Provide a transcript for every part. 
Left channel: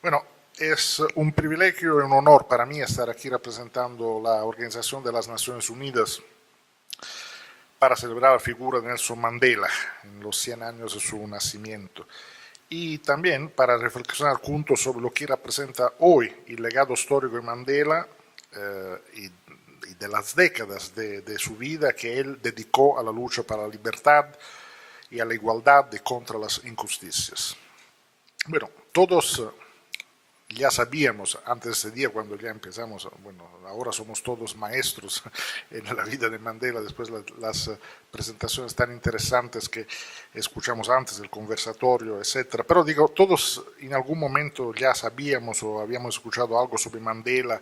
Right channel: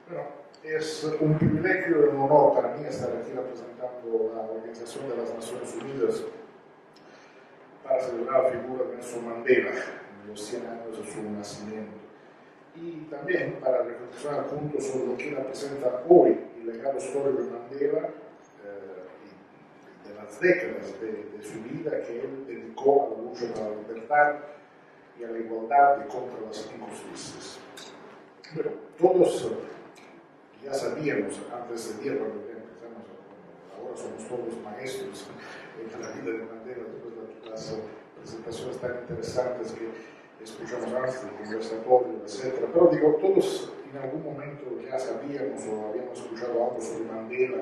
Bueno, es un privilegio y un honor para mí estar aquí representando la Organización de las Naciones Unidas para celebrar la figura de Nelson Mandela en los 100 años de su nacimiento y también para reflexionar juntos sobre lo que representa hoy el legado histórico de Mandela y de las décadas de su vida que él dedicó a la lucha para la libertad y a la igualdad y contra las injusticias. Bueno, todos ya sabíamos antes de ese día, cuando ya empezamos, bueno, ahora somos todos maestros en la vida de Mandela, después las presentaciones tan interesantes que escuchamos antes, el conversatorio, etc. Pero digo, todos en algún momento ya sabíamos o habíamos escuchado algo sobre Mandela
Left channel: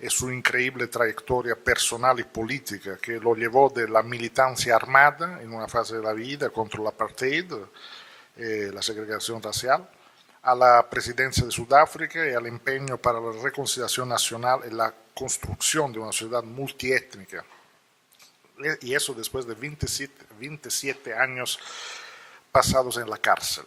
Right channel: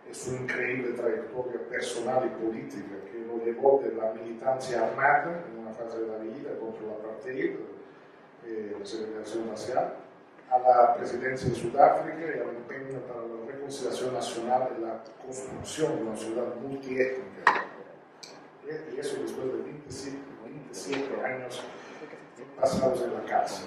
y su increíble trayectoria personal y política que lo llevó de la militancia armada en una fase de la vida contra el apartheid, la segregación racial, a la presidencia de Sudáfrica y al empeño para la reconciliación nacional y la construcción de una ciudad multiétnica. Y eso después de 27 años pasados en la cárcel.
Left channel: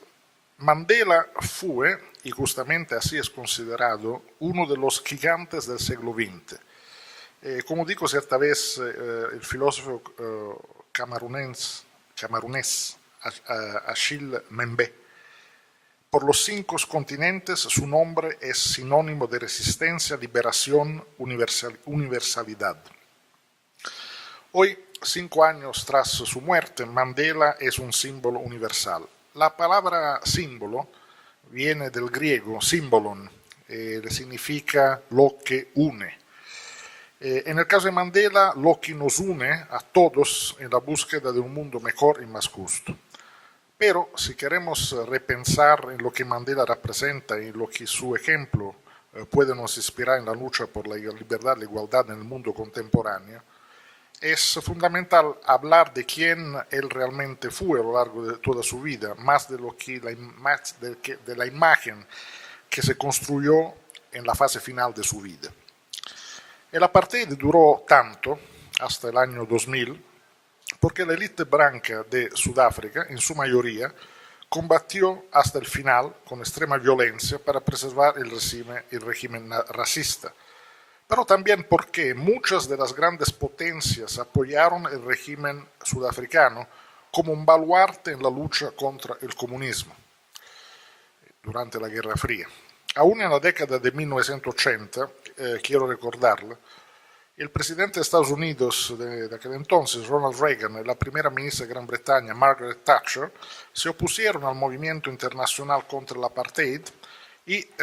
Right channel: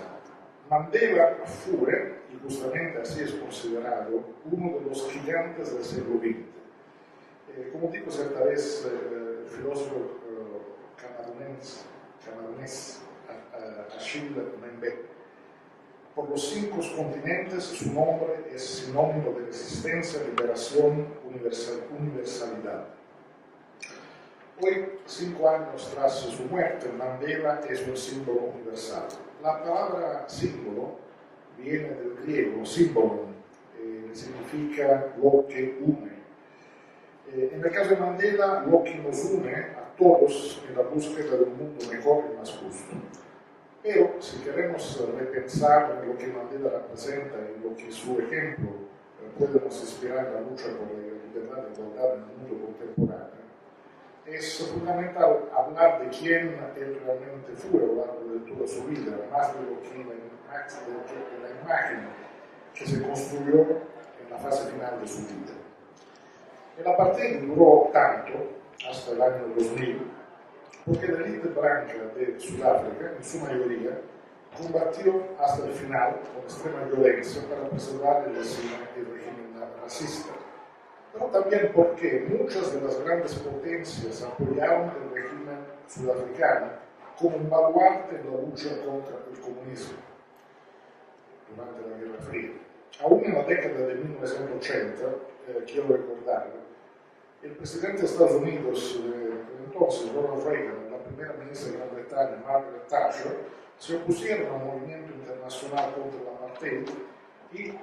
Mandela fue, y justamente así es considerado, uno de los gigantes del siglo XX. Como dijo cierta vez el filósofo camerunés Achille Mbembe, por los 5 continentes su nombre es sinónimo de resistencia, liberación, universalidad. Hoy, 5 años tras su muerte, Mandela es un símbolo universal. La palabra símbolo viene del griego symbolon, que significa lo que une. En el caso de Mandela, lo que nos une a todos en la búsqueda de un mundo mejor y más justo. Pero si queremos repensar en lo que Mandela representa y lo que su ejemplo puede nos inspirar en la lucha por la libertad y la igualdad en el mundo contemporáneo, es fundamental hablar de quién él realmente fue a lo largo de toda su vida, más de lo que de la imagen que se construyó en la fase final de su vida. El apartheid duró tanto, hasta el año 2000, porque la élite blanca de Sudáfrica, en su mayoría, combatió hasta el final con extrema violencia para preservar el régimen racista, pero también porque muchas de las grandes potencias apoyaron el régimen sudafricano como un baluarte en la lucha contra el comunismo durante la Guerra Fría. Aún en la década de 1980, quiero recordarlo, el presidente de Estados Unidos de aquel entonces, Ronald Reagan, y la primera ministra de Gran Bretaña, Margaret Thatcher, se opusieron al movimiento internacional contra el apartheid y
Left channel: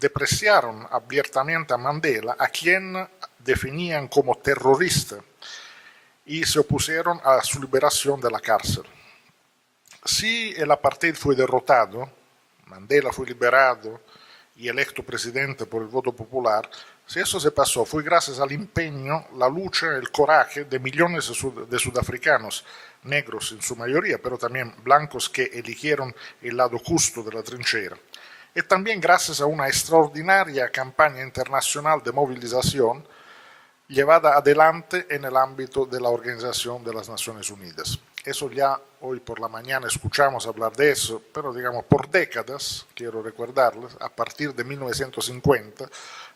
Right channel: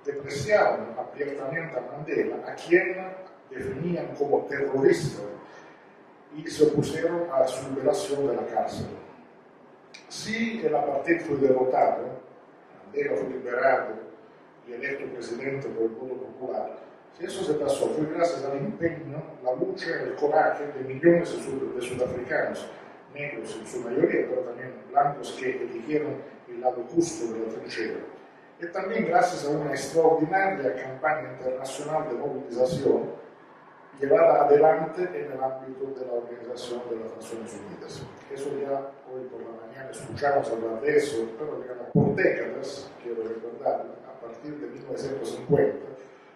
depreciaron abiertamente a Mandela, a quien definían como terrorista, y se opusieron a su liberación de la cárcel. Si el apartheid fue derrotado, Mandela fue liberado y electo presidente por el voto popular, si eso se pasó fue gracias al empeño, la lucha, el coraje de millones de sudafricanos, negros en su mayoría, pero también blancos que eligieron el lado justo de la trinchera. Y también gracias a una extraordinaria campaña internacional de movilización llevada adelante en el ámbito de la Organización de las Naciones Unidas. Eso ya hoy por la mañana escuchamos hablar de eso, pero digamos por décadas, quiero recordarles, a partir de 1950,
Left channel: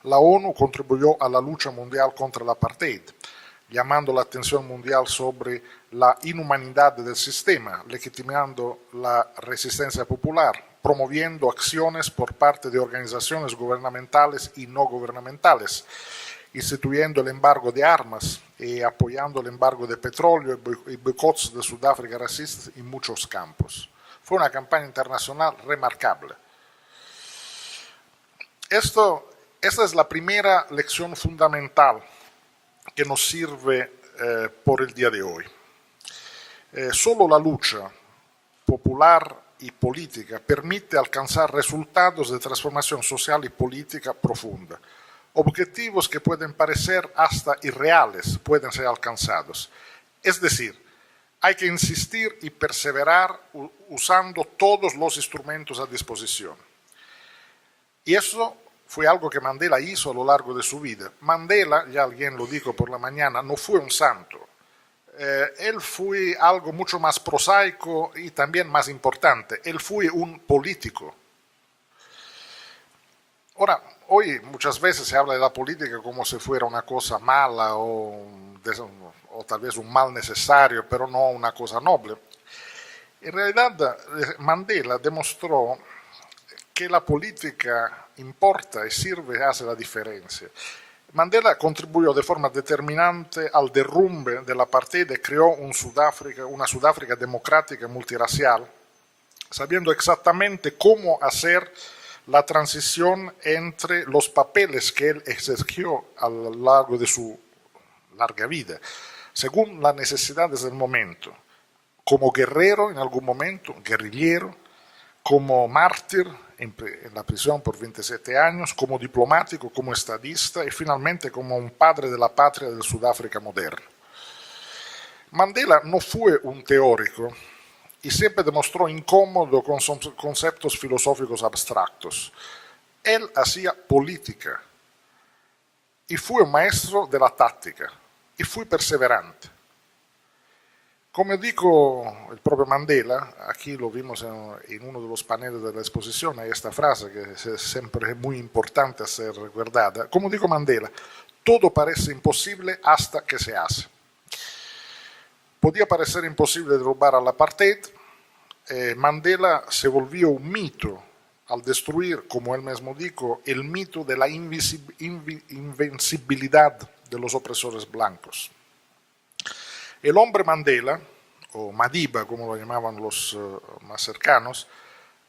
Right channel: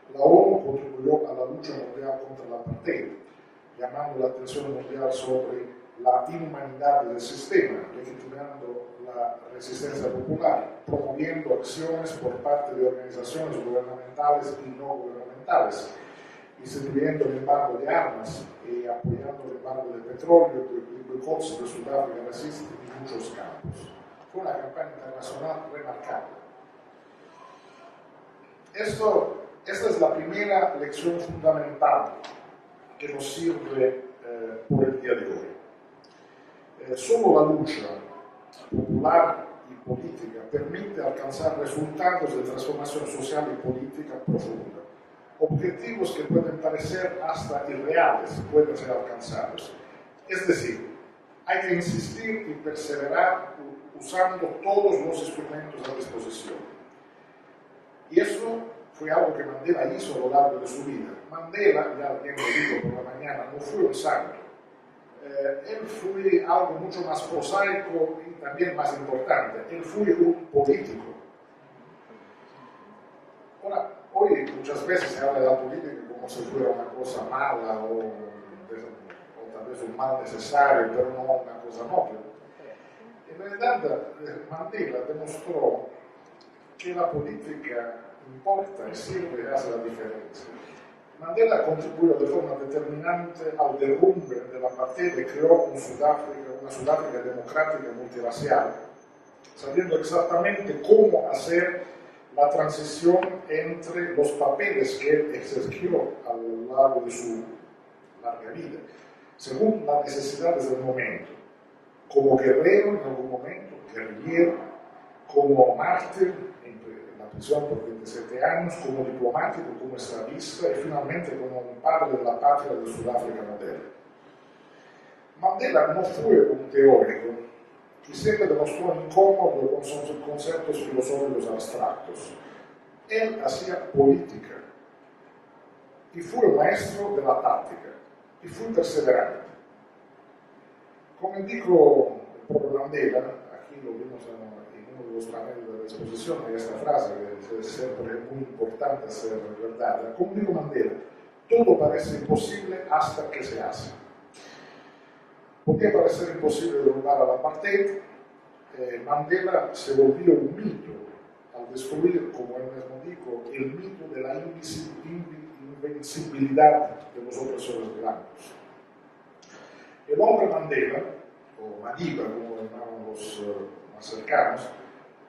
la ONU contribuyó a la lucha mundial contra el apartheid, llamando la atención mundial sobre la inhumanidad del sistema, legitimando la resistencia popular, promoviendo acciones por parte de organizaciones gubernamentales y no gubernamentales, instituyendo el embargo de armas y apoyando el embargo de petróleo y boicots de Sudáfrica racista en muchos campos. Fue una campaña internacional remarcable. Esta es la primera lección fundamental que nos sirve por el día de hoy. Solo la lucha popular y política permite alcanzar resultados de transformación social y política profunda. Objetivos que pueden parecer hasta irreales pueden ser alcanzados. Es decir, hay que insistir y perseverar usando todos los instrumentos a disposición. Y eso fue algo que Mandela hizo a lo largo de su vida. Mandela, ya alguien lo dijo por la mañana, no fue un santo. Él fue algo mucho más prosaico y también más importante. Él fue un político. Ahora, hoy muchas veces se habla de la política como si fuera una cosa mala o tal vez un mal necesario, pero no una cosa noble. En realidad, Mandela demostró que la política importa y sirve y hace la diferencia. Mandela contribuyó de forma determinante al derrumbe del apartheid y creó una Sudáfrica democrática y multirracial, sabiendo exactamente cómo hacer la transición entre los papeles que él ejerció a lo largo de su larga vida, según las necesidades del momento. Como guerrero en algún momento, guerrillero, como mártir en la prisión por 27 años, como diplomático, como estadista y finalmente como un padre de la patria de Sudáfrica moderna. Mandela no fue un teórico y siempre demostró incómodo con conceptos filosóficos abstractos. Él hacía política y fue maestro de la táctica y fue perseverante. Como dijo el propio Mandela, aquí lo vimos en uno de los paneles de la exposición, esta frase que siempre es muy importante hacer verdad. Como dijo Mandela, todo parece imposible hasta que se hace. Podía parecer imposible derrumbar al apartheid. Mandela se volvió un mito al destruir, como él mismo dijo, el mito de la invencibilidad de los opresores blancos. El hombre Mandela, o Madiba, como lo llamaban los más cercanos,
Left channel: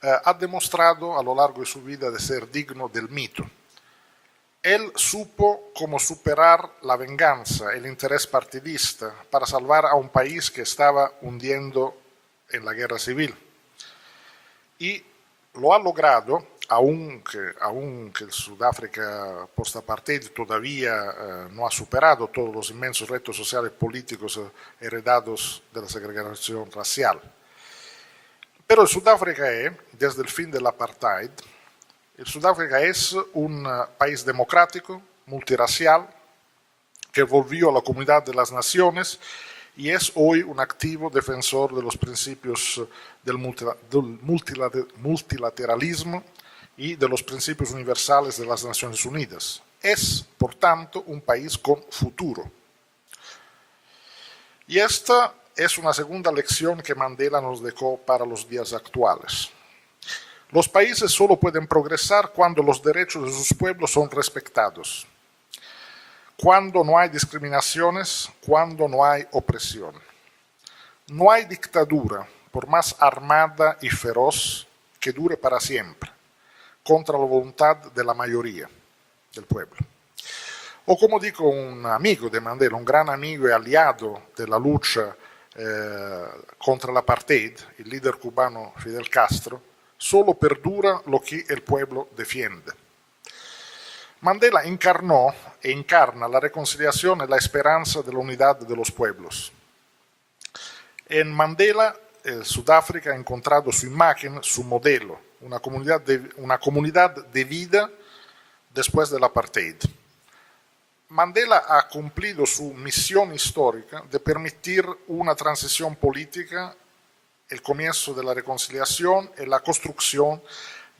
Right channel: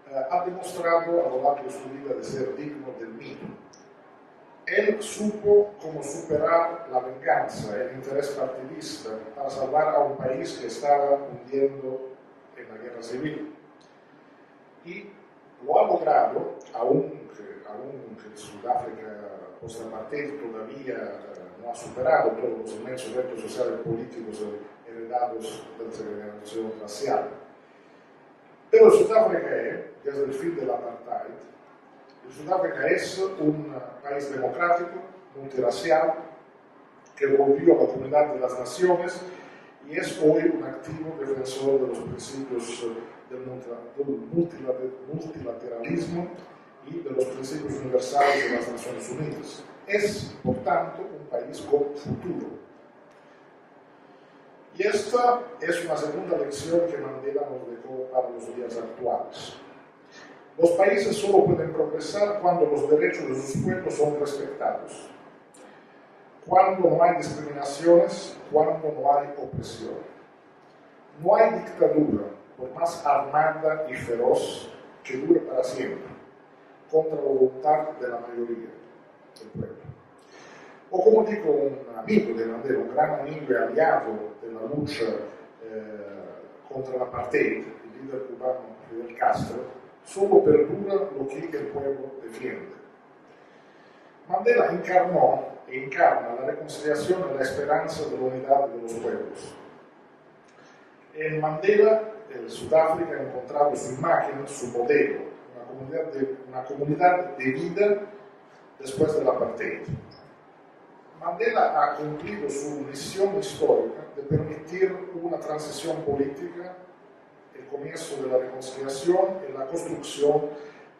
ha demostrado a lo largo de su vida de ser digno del mito. Él supo cómo superar la venganza, el interés partidista, para salvar a un país que estaba hundiendo en la guerra civil. Y lo ha logrado, aunque el Sudáfrica post-apartheid todavía no ha superado todos los inmensos retos sociales y políticos heredados de la segregación racial. Pero el Sudáfrica desde el fin del apartheid, el Sudáfrica es un país democrático, multirracial, que volvió a la comunidad de las naciones y es hoy un activo defensor de los principios del multilateralismo y de los principios universales de las Naciones Unidas. Es, por tanto, un país con futuro. Y esta es una segunda lección que Mandela nos dejó para los días actuales. Los países solo pueden progresar cuando los derechos de sus pueblos son respetados, cuando no hay discriminaciones, cuando no hay opresión. No hay dictadura, por más armada y feroz, que dure para siempre, contra la voluntad de la mayoría del pueblo. O como dijo un amigo de Mandela, un gran amigo y aliado de la lucha contra el apartheid, el líder cubano Fidel Castro, solo perdura lo que el pueblo defiende. Mandela encarnó e encarna la reconciliación y la esperanza de la unidad de los pueblos. En Mandela, Sudáfrica ha encontrado su imagen, su modelo, una comunidad de vida después del apartheid. Mandela ha cumplido su misión histórica de permitir una transición política, el comienzo de la reconciliación y la construcción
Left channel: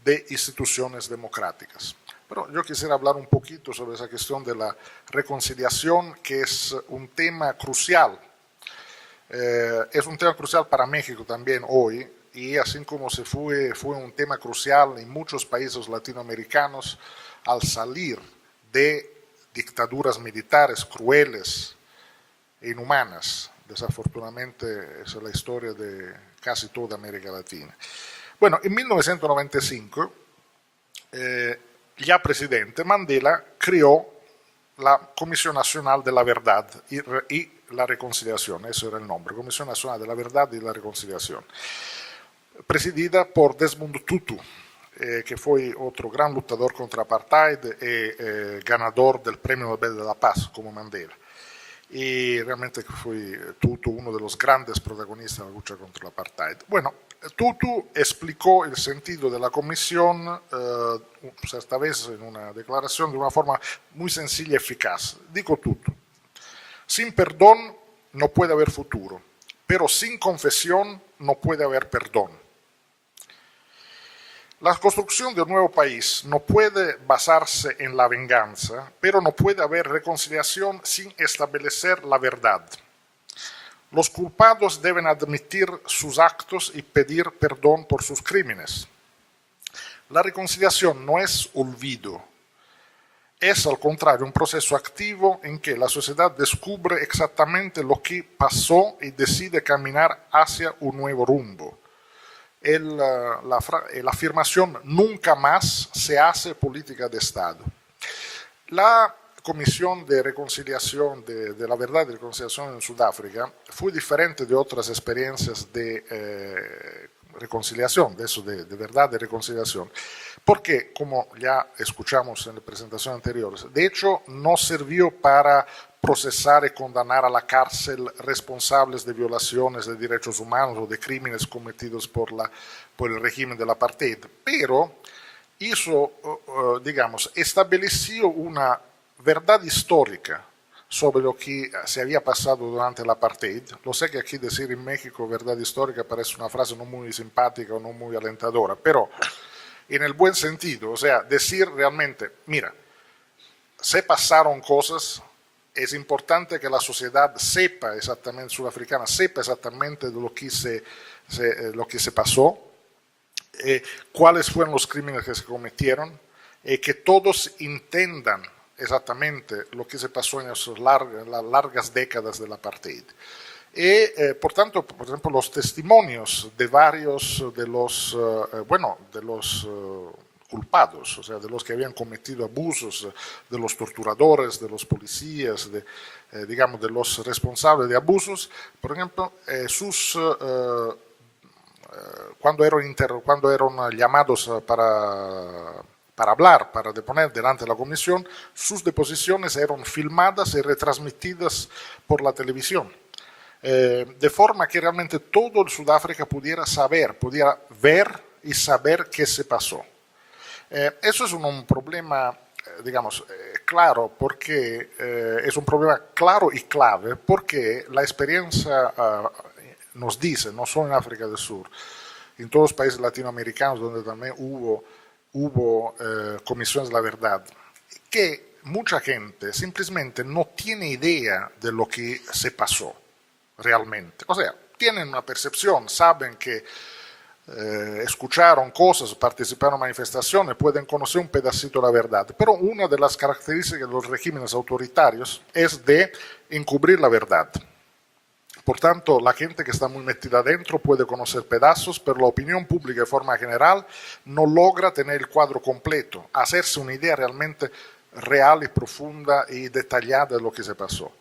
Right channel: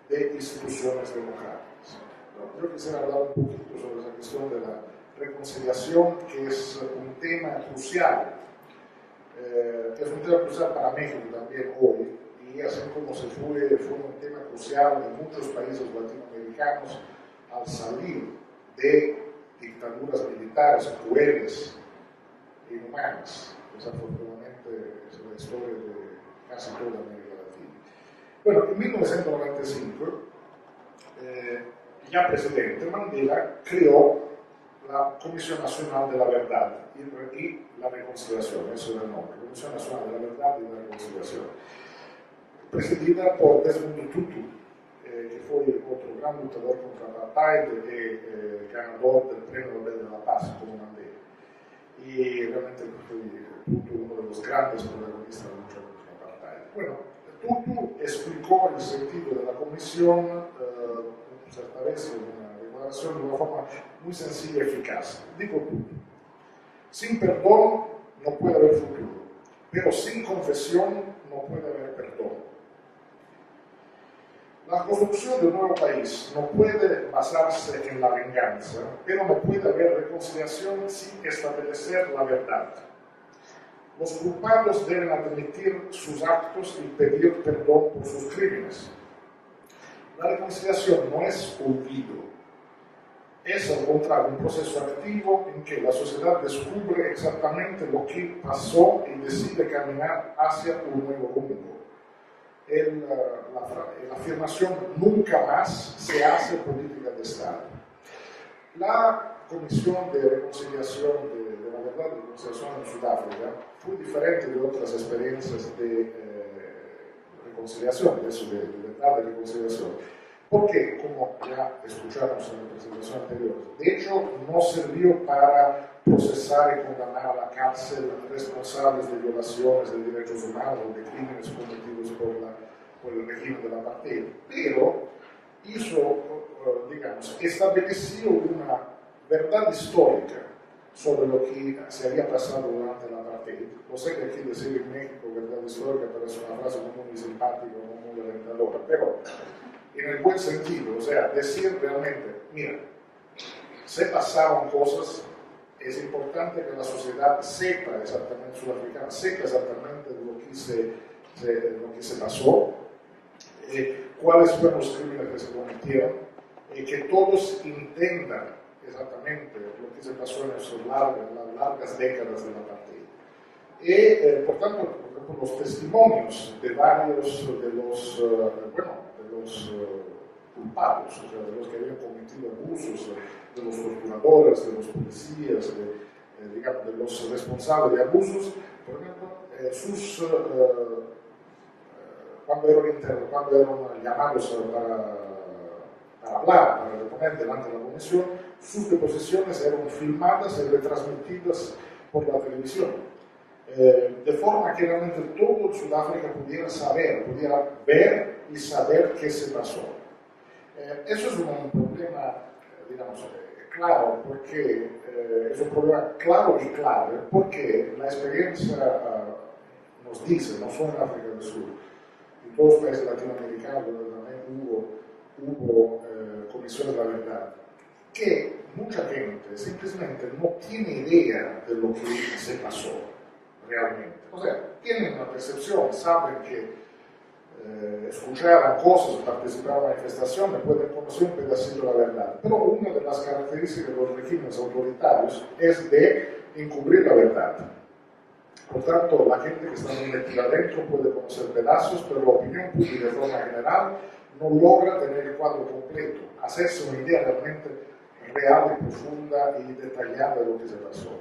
de instituciones democráticas. Pero yo quisiera hablar un poquito sobre esa cuestión de la reconciliación, que es un tema crucial. Es un tema crucial para México también hoy, y así como fue un tema crucial en muchos países latinoamericanos al salir de dictaduras militares crueles e inhumanas. Desafortunadamente, esa es la historia de casi toda América Latina. Bueno, en 1995, ya presidente, Mandela creó la Comisión Nacional de la Verdad y la Reconciliación, eso era el nombre, Comisión Nacional de la Verdad y la Reconciliación, presidida por Desmond Tutu, que fue otro gran luchador contra el apartheid y ganador del Premio Nobel de la Paz, como Mandela. Y realmente fue Tutu uno de los grandes protagonistas de la lucha contra el apartheid. Bueno, Tutu explicó el sentido de la comisión, esta vez en una declaración, de una forma muy sencilla y eficaz. Dijo Tutu: sin perdón no puede haber futuro, pero sin confesión no puede haber perdón. La construcción de un nuevo país no puede basarse en la venganza, pero no puede haber reconciliación sin establecer la verdad. Los culpados deben admitir sus actos y pedir perdón por sus crímenes. La reconciliación no es olvido, es al contrario un proceso activo en que la sociedad descubre exactamente lo que pasó y decide caminar hacia un nuevo rumbo. La afirmación nunca más se hace política de Estado. La Comisión de Reconciliación, de la Verdad y Reconciliación en Sudáfrica, fue diferente de otras experiencias de reconciliación, de eso, de verdad y reconciliación, porque, como ya escuchamos en la presentación anterior, de hecho no sirvió para procesar y condenar a la cárcel responsables de violaciones de derechos humanos o de crímenes cometidos por el régimen del apartheid, pero hizo, estableció una verdad histórica sobre lo que se había pasado durante el apartheid. Lo sé que aquí decir en México verdad histórica parece una frase no muy simpática o no muy alentadora, pero en el buen sentido, o sea, decir realmente, mira, se pasaron cosas, es importante que la sociedad sepa exactamente, sudafricana, sepa exactamente lo que se pasó, cuáles fueron los crímenes que se cometieron, que todos entendan exactamente lo que se pasó en las largas décadas del apartheid. Por tanto, por ejemplo, los testimonios de varios de los culpados, o sea, de los que habían cometido abusos, de los torturadores, de los policías, de los responsables de abusos, por ejemplo, cuando eran llamados para hablar, para deponer delante de la comisión, sus deposiciones eran filmadas y retransmitidas por la televisión. De forma que realmente todo Sudáfrica pudiera ver y saber qué se pasó. Eso es un problema, claro, porque es un problema claro y clave, porque la experiencia nos dice, no solo en África del Sur, en todos los países latinoamericanos donde también hubo comisiones de la verdad, que mucha gente simplemente no tiene idea de lo que se pasó realmente. O sea, tienen una percepción, saben que escucharon cosas, participaron en manifestaciones, pueden conocer un pedacito de la verdad. Pero una de las características de los regímenes autoritarios es de encubrir la verdad. Por tanto, la gente que está muy metida adentro puede conocer pedazos, pero la opinión pública de forma general no logra tener el cuadro completo, hacerse una idea realmente real y profunda y detallada de lo que se pasó.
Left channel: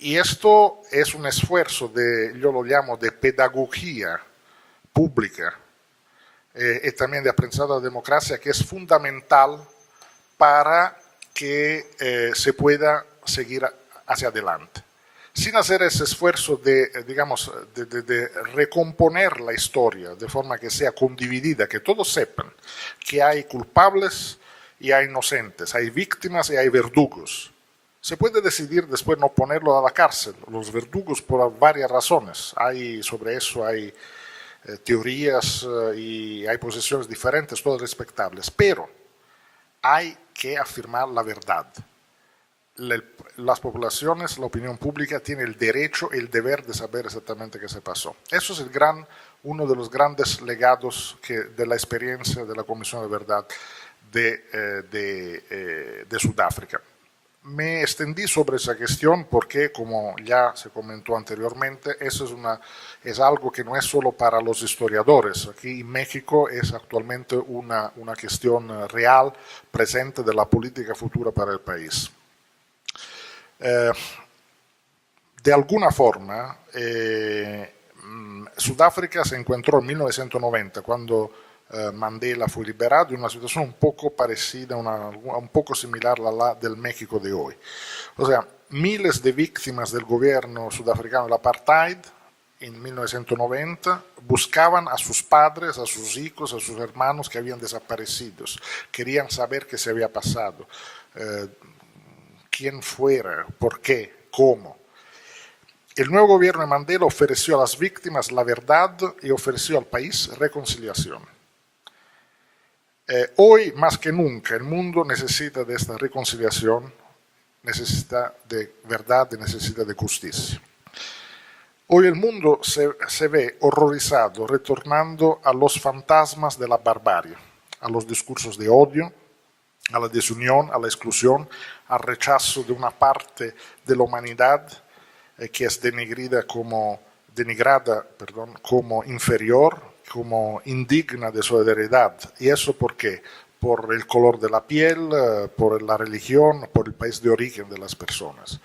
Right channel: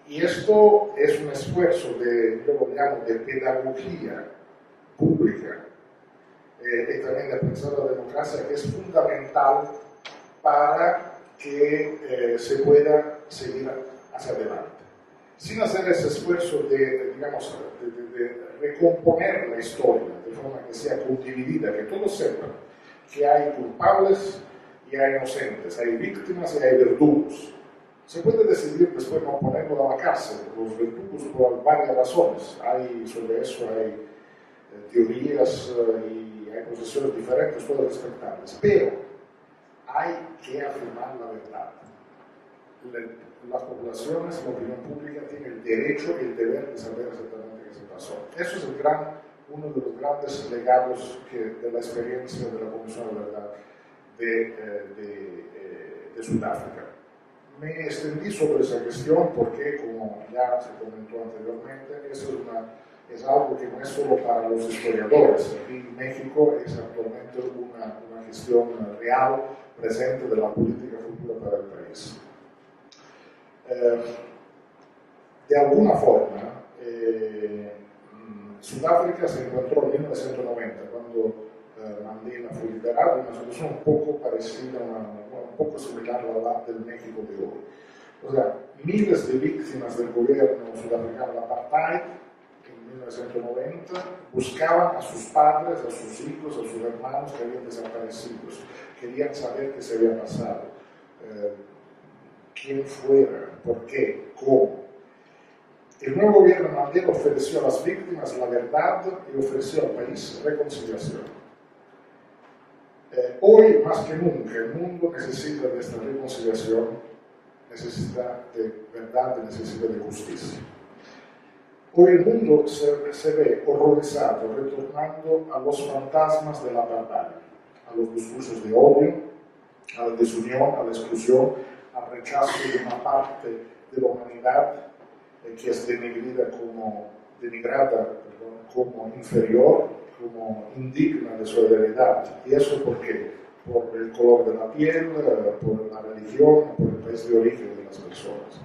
Y esto es un esfuerzo yo lo llamo de pedagogía pública y también de aprendizaje de la democracia, que es fundamental para que se pueda seguir hacia adelante. Sin hacer ese esfuerzo de recomponer la historia de forma que sea condividida, que todos sepan que hay culpables y hay inocentes, hay víctimas y hay verdugos. Se puede decidir después no ponerlo a la cárcel, los verdugos, por varias razones. Sobre eso hay teorías y hay posiciones diferentes, todas respetables, pero hay que afirmar la verdad. Las poblaciones, la opinión pública tiene el derecho y el deber de saber exactamente qué se pasó. Eso es uno de los grandes legados de la experiencia de la Comisión de Verdad de Sudáfrica. Me extendí sobre esa cuestión porque, como ya se comentó anteriormente, eso es algo que no es solo para los historiadores. Aquí en México es actualmente una cuestión real, presente de la política futura para el país. De alguna forma, Sudáfrica se encontró en 1990, cuando Mandela fue liberado, en una situación un poco parecida, un poco similar a la del México de hoy. O sea, miles de víctimas del gobierno sudafricano del apartheid en 1990 buscaban a sus padres, a sus hijos, a sus hermanos que habían desaparecido, querían saber qué se había pasado, quién fuera, por qué, cómo. El nuevo gobierno de Mandela ofreció a las víctimas la verdad y ofreció al país reconciliación. Hoy más que nunca el mundo necesita de esta reconciliación, necesita de verdad y necesita de justicia. Hoy el mundo se ve horrorizado, retornando a los fantasmas de la barbarie, a los discursos de odio, a la desunión, a la exclusión, al rechazo de una parte de la humanidad que es denigrada como inferior, como indigna de su heredad. ¿Y eso por qué? Por el color de la piel, por la religión, por el país de origen de las personas.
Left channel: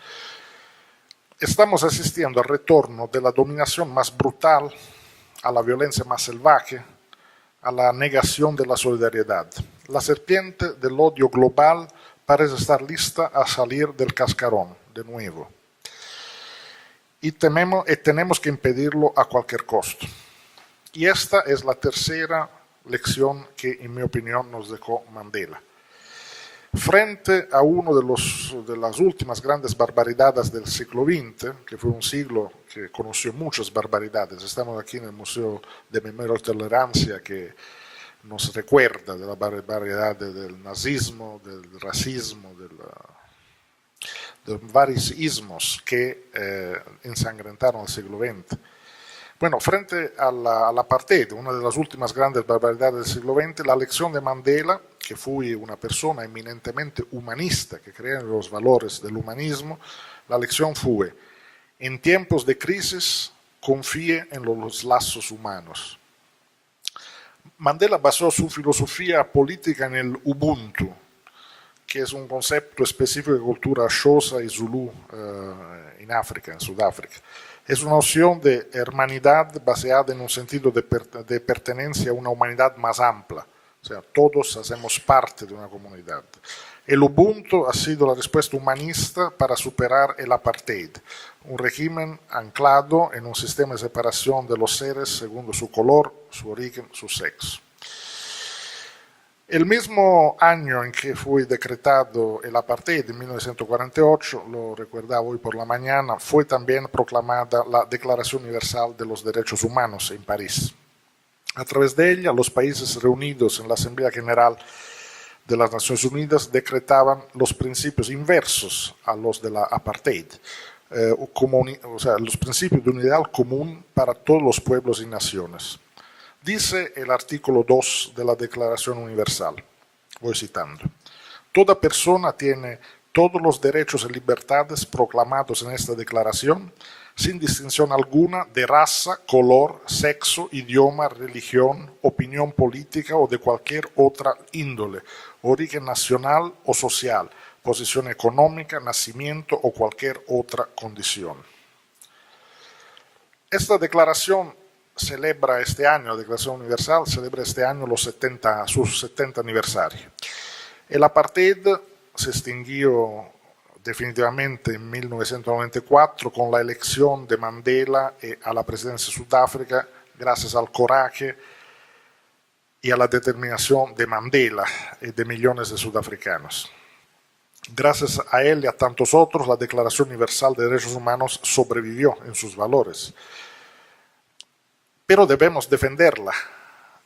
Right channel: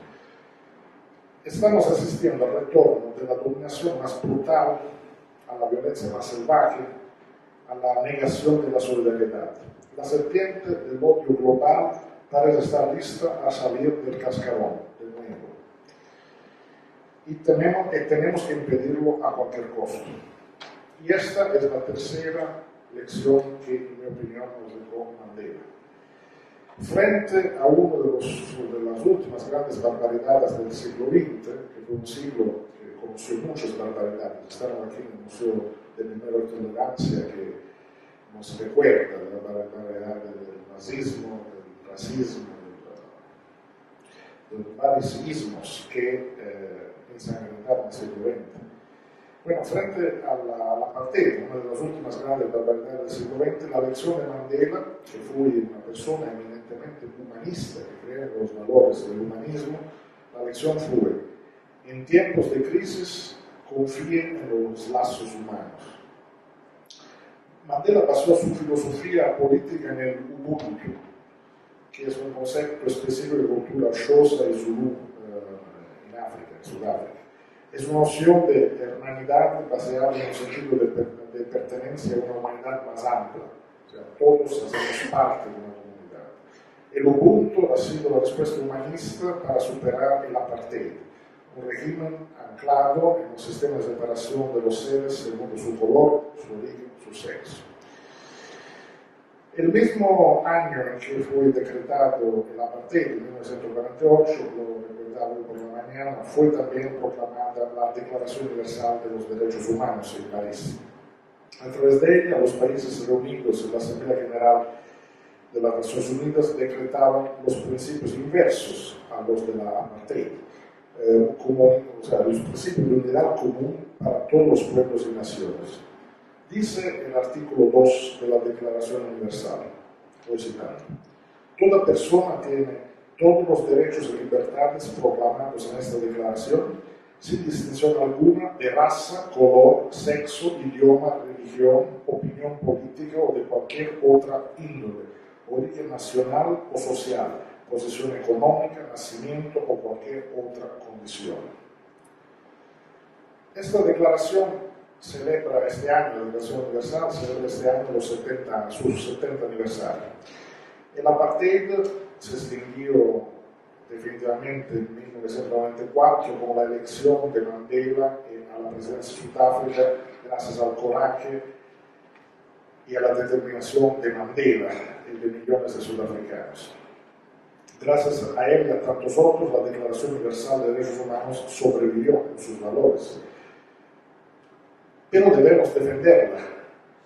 Estamos asistiendo al retorno de la dominación más brutal, a la violencia más salvaje, a la negación de la solidaridad. La serpiente del odio global parece estar lista a salir del cascarón de nuevo. Y tenemos que impedirlo a cualquier costo. Y esta es la tercera lección que, en mi opinión, nos dejó Mandela. Frente a una de las últimas grandes barbaridades del siglo XX, que fue un siglo que conoció muchas barbaridades, estamos aquí en el Museo de Memoria y Tolerancia, que nos recuerda de la barbaridad del nazismo, del racismo, de varios ismos que ensangrentaron el siglo XX. Bueno, frente a la apartheid, una de las últimas grandes barbaridades del siglo XX, la lección de Mandela, que fue una persona eminentemente humanista, que creía en los valores del humanismo, la lección fue: en tiempos de crisis, confíe en los lazos humanos. Mandela basó su filosofía política en el Ubuntu, que es un concepto específico de cultura Xhosa y Zulu en África, en Sudáfrica. Es una noción de hermanidad basada en un sentido de pertenencia a una humanidad más amplia. O sea, todos hacemos parte de una comunidad. El Ubuntu ha sido la respuesta humanista para superar el apartheid, un régimen anclado en un sistema de separación de los seres según su color, su origen, su sexo. El mismo año en que fue decretado el apartheid, en 1948, lo recordaba hoy por la mañana, fue también proclamada la Declaración Universal de los Derechos Humanos en París. A través de ella, los países reunidos en la Asamblea General de las Naciones Unidas decretaban los principios inversos a los de la apartheid, los principios de unidad común para todos los pueblos y naciones. Dice el artículo 2 de la Declaración Universal, voy citando: toda persona tiene todos los derechos y libertades proclamados en esta declaración, sin distinción alguna de raza, color, sexo, idioma, religión, opinión política o de cualquier otra índole, origen nacional o social, posición económica, nacimiento o cualquier otra condición. Esta declaración celebra este año, la Declaración Universal celebra este año su 70 aniversario. El apartheid se extinguió definitivamente en 1994 con la elección de Mandela a la presidencia de Sudáfrica, gracias al coraje y a la determinación de Mandela y de millones de sudafricanos. Gracias a él y a tantos otros, la Declaración Universal de Derechos Humanos sobrevivió en sus valores. Pero debemos defenderla,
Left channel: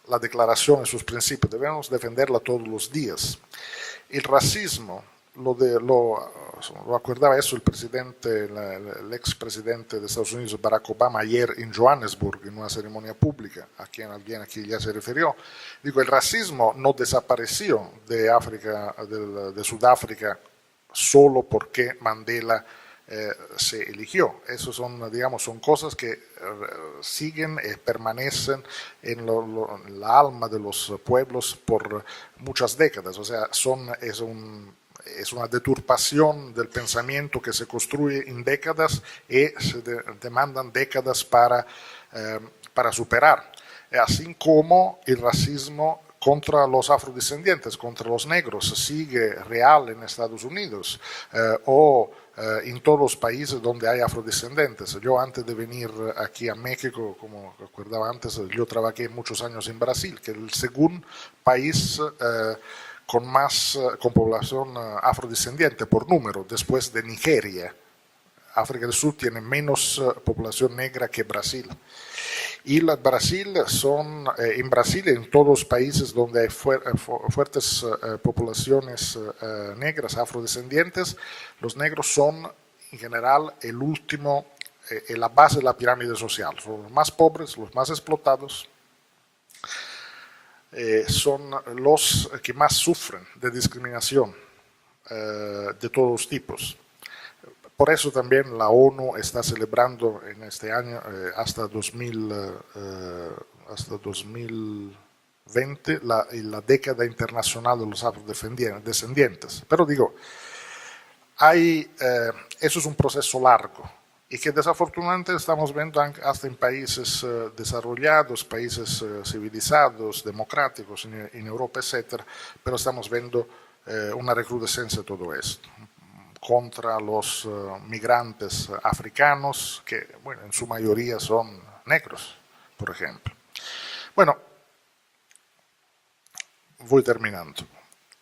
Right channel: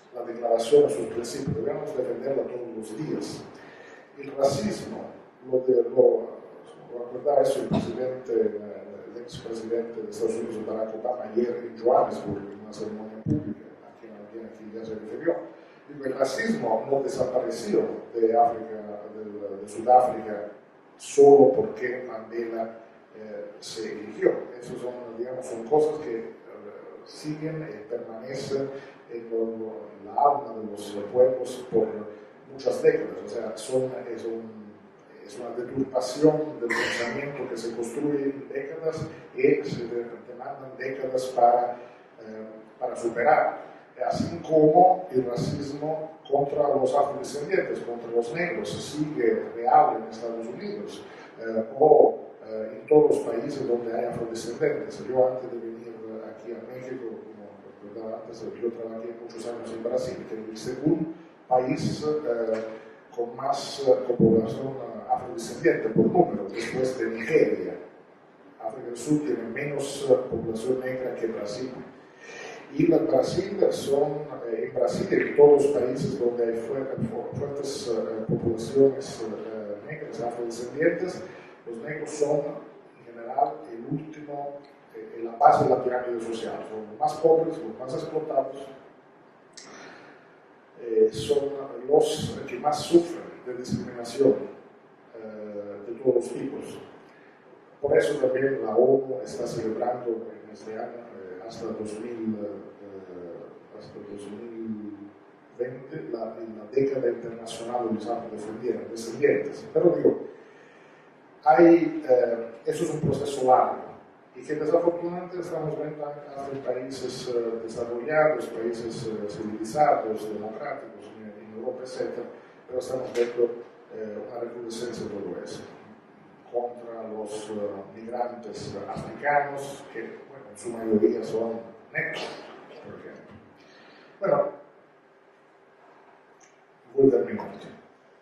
la declaración y sus principios, debemos defenderla todos los días. El racismo, lo acordaba eso el expresidente de Estados Unidos, Barack Obama, ayer en Johannesburg, en una ceremonia pública, a quien alguien aquí ya se refirió. Digo, el racismo no desapareció de Sudáfrica solo porque Mandela se eligió. Eso son cosas que siguen, permanecen en la alma de los pueblos por muchas décadas. O sea, es una deturpación del pensamiento que se construye en décadas y se demandan décadas para superar. Así como el racismo contra los afrodescendientes, contra los negros, sigue real en Estados Unidos o en todos los países donde hay afrodescendientes. Yo antes de venir aquí a México, como recordaba antes, yo trabajé muchos años en Brasil, que es el segundo país con población afrodescendiente por número, después de Nigeria. África del Sur tiene menos población negra que Brasil. Y Brasil en Brasil y en todos los países donde hay fuertes poblaciones negras, afrodescendientes, los negros son en general el último, la base de la pirámide social. Son los más pobres, los más explotados, son los que más sufren de discriminación de todos los tipos. Por eso también la ONU está celebrando en este año, hasta 2020, la década internacional de los afrodescendientes. Pero digo, eso es un proceso largo y que desafortunadamente estamos viendo hasta en países desarrollados, países civilizados, democráticos, en Europa, etc. Pero estamos viendo una recrudescencia de todo esto contra los migrantes africanos, que bueno, en su mayoría son negros, por ejemplo. Bueno, voy terminando.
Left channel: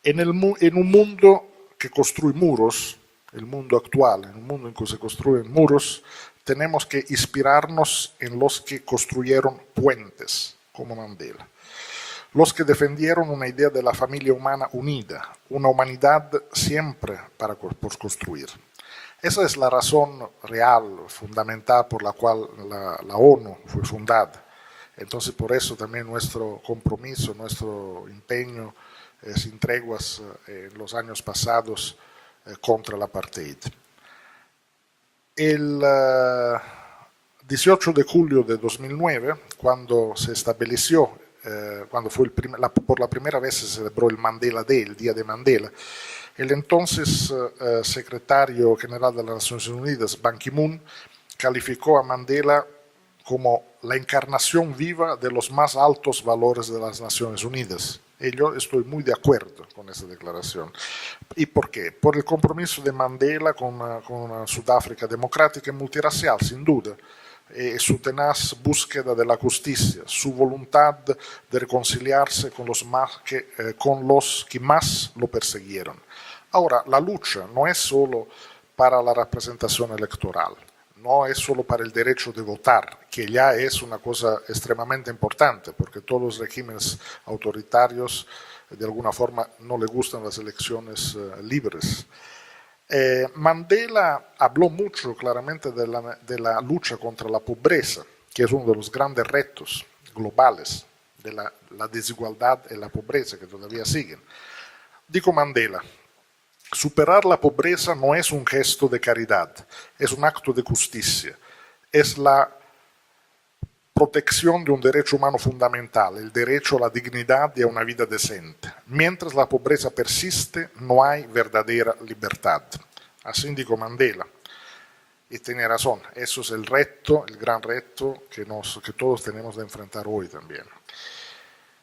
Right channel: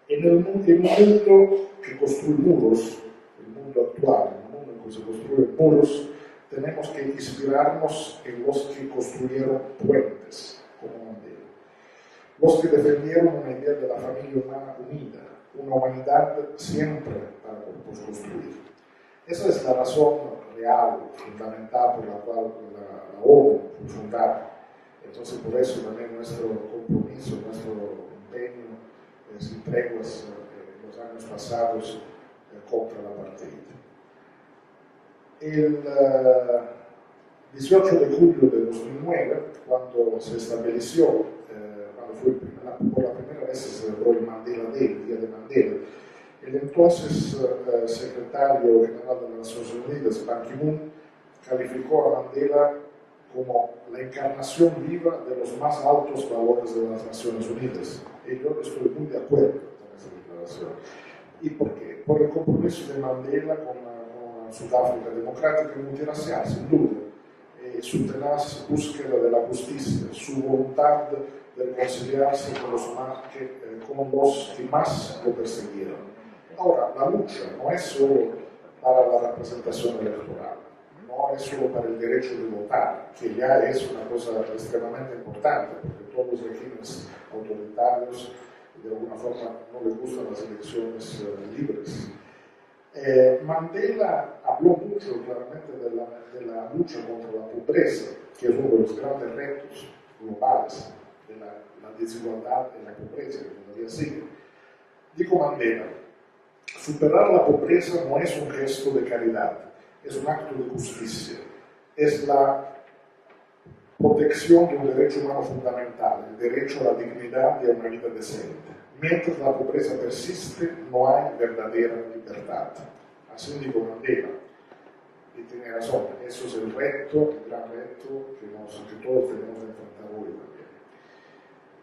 En un mundo que construye muros, el mundo actual, el mundo en que se construyen muros, tenemos que inspirarnos en los que construyeron puentes, como Mandela. Los que defendieron una idea de la familia humana unida, una humanidad siempre por construir. Esa es la razón real, fundamental por la cual la ONU fue fundada. Entonces, por eso también nuestro compromiso, nuestro empeño, sin treguas en los años pasados contra el apartheid. El 18 de julio de 2009, cuando se estableció, cuando fue por la primera vez se celebró el Mandela Day, el Día de Mandela, el entonces secretario general de las Naciones Unidas, Ban Ki-moon, calificó a Mandela como la encarnación viva de los más altos valores de las Naciones Unidas. Y yo estoy muy de acuerdo con esa declaración. ¿Y por qué? Por el compromiso de Mandela con una Sudáfrica democrática y multirracial, sin duda. Su tenaz búsqueda de la justicia, su voluntad de reconciliarse con los que más lo persiguieron. Ahora, la lucha no es solo para la representación electoral, no es solo para el derecho de votar, que ya es una cosa extremadamente importante, porque todos los regímenes autoritarios de alguna forma no le gustan las elecciones libres. Mandela habló mucho claramente de la lucha contra la pobreza, que es uno de los grandes retos globales, de la desigualdad y la pobreza que todavía siguen. Dijo Mandela, superar la pobreza no es un gesto de caridad, es un acto de justicia, es la protección de un derecho humano fundamental, el derecho a la dignidad y a una vida decente. Mientras la pobreza persiste, no hay verdadera libertad. Así dijo Mandela. Y tiene razón, eso es el reto, el gran reto que todos tenemos de enfrentar hoy también.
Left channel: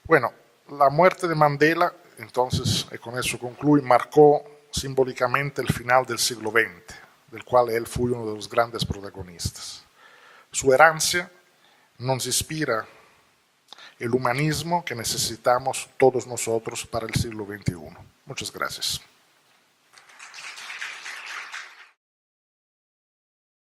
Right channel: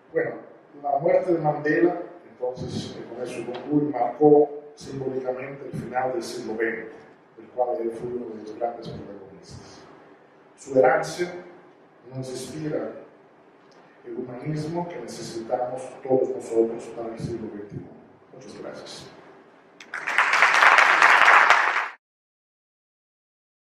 Bueno, la muerte de Mandela, entonces, y con eso concluyo, marcó simbólicamente el final del siglo XX, del cual él fue uno de los grandes protagonistas. Su herencia nos inspira el humanismo que necesitamos todos nosotros para el siglo XXI. Muchas gracias.